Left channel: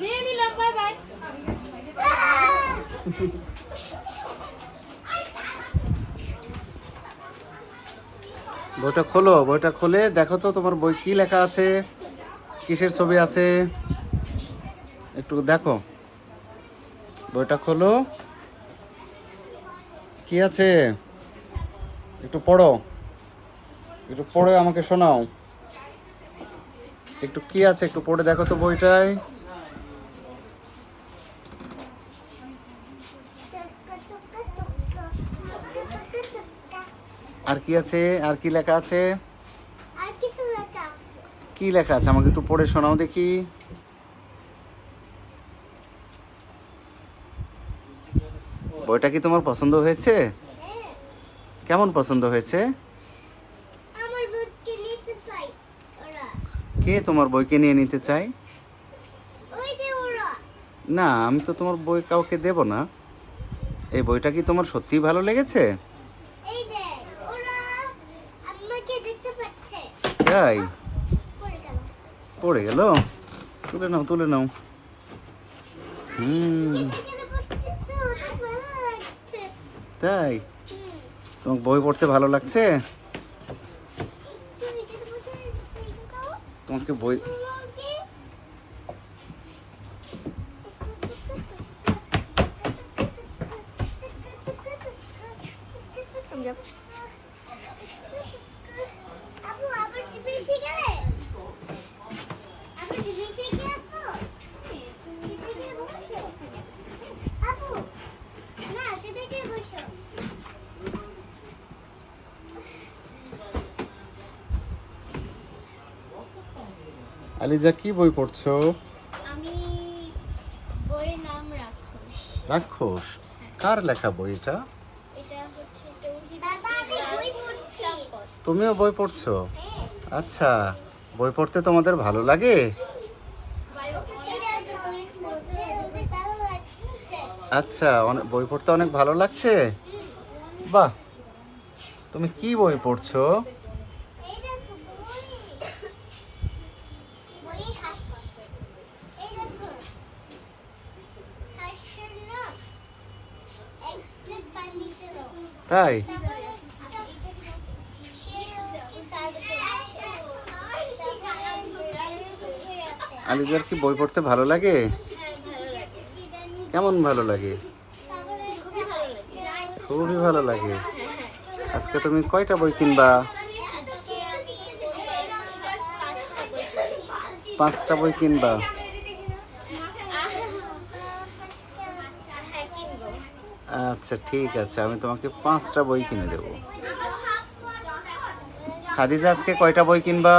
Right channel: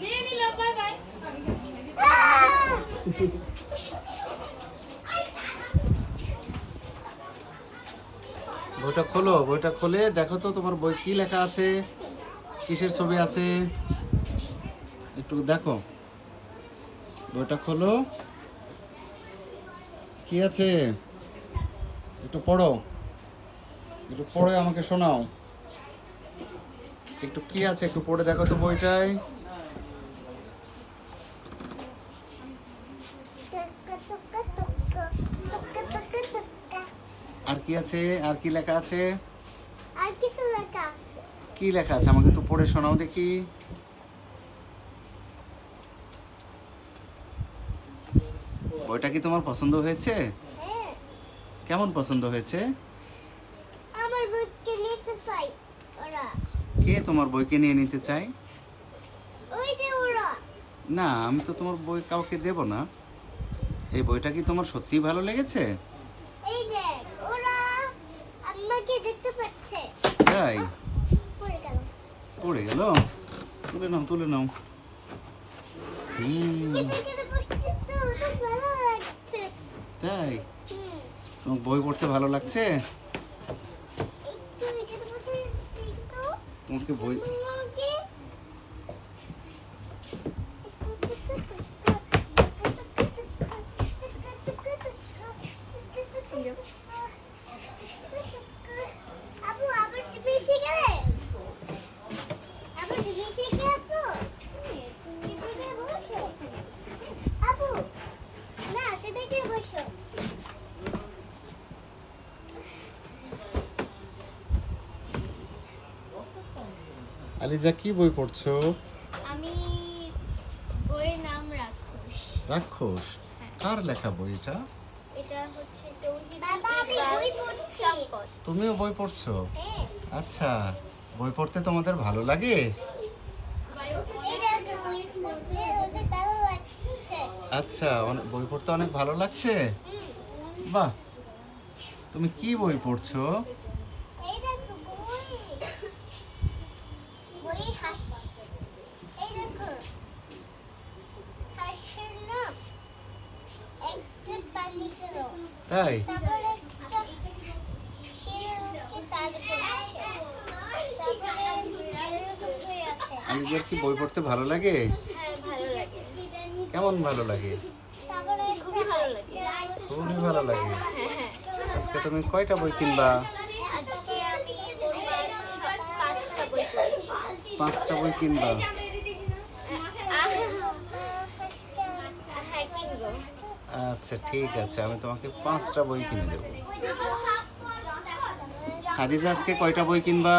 নিয়ে নিলাম, bye bye. বইটা খোলো, বইটা খুলে দেখো তো তোমার বই কি লেখা আছে, কিসের ছবি আছে একটু দেখো। বইটা খোলো, কি আছে একটু পড়ো, একটু পড়ে আমাকে শোনাও। একটু কি আছে একটু পড়ে দেখো তো বইটায়। আর কি আছে, আর কি লেখা আছে, আর কিছু লেখা আছে। কি লেখা আছে আমাকে একটু পড়ে শোনাও দেখি। বইটা কি তোমার পছন্দ হয়েছে? হ্যাঁ, কেমন পছন্দ হয়েছে? আমার বইকে নিতে চাই ওরা। কে তোমার বইকে নিয়ে নিতে চায়? ওই যে ওরা। না, আমি তো তোমার বই কাউকে দেব না। এই বইটা কি তোমার সত্যিই ভালো লেগেছে? এই যে ওরা আমাকে দেখতে পাচ্ছে। তাই? পড়ে গেল। পড়ে গেল, তুলে নাও তুলে নাও। এখানে বসছে তো ওটা ভালো লাগছে। তাই? হুম, তোমার বই পড়তে ভালো লাগছে? তুমি এখানে বসে দেখো। তোমাকে বই তোমাকে আপু আবার টিভি এসে গেলে আবার টিভি এসে গেছো টিভিতে বসো আপু না টিভিতে বসো আলিজা কি বই পড়ছো? আমি বইয়ের নাম রাক্ষস রাক্ষস? কার লেখা বই এটা? এটা হচ্ছে বাবা আমি বই পড়ছি তুমিও বই পড়ছো? হ্যাঁ আচ্ছা, বই পড়তে তোমাদের ভালো লাগে? এটা তো বই পড়তে অনেক ভালো লাগছে আচ্ছা, বই পড়তে অনেক ভালো লাগছে। বাহ, তুমি কি বই পড়ছো? এইটা তো বই বই হাসি এই দেখো হাসির নাম একটা পানি ছিল তাই? তারপরে সে কি তার করছে আলিজার কি বই পড়তে ভালো লাগে? হ্যাঁ ভালো লাগে কেমন ভালো লাগে? তারপরে খুবই ভালো লাগে খুবই ভালো লাগে। আজকে তুমি কয়টা বই কিনবা? পাঁচটা বই কিনবা? আচ্ছা ঠিক আছে, আমি তোমাকে 5টা বই কিনে দেবো। খাদিজা আজকে কয়টা বই কিনবা?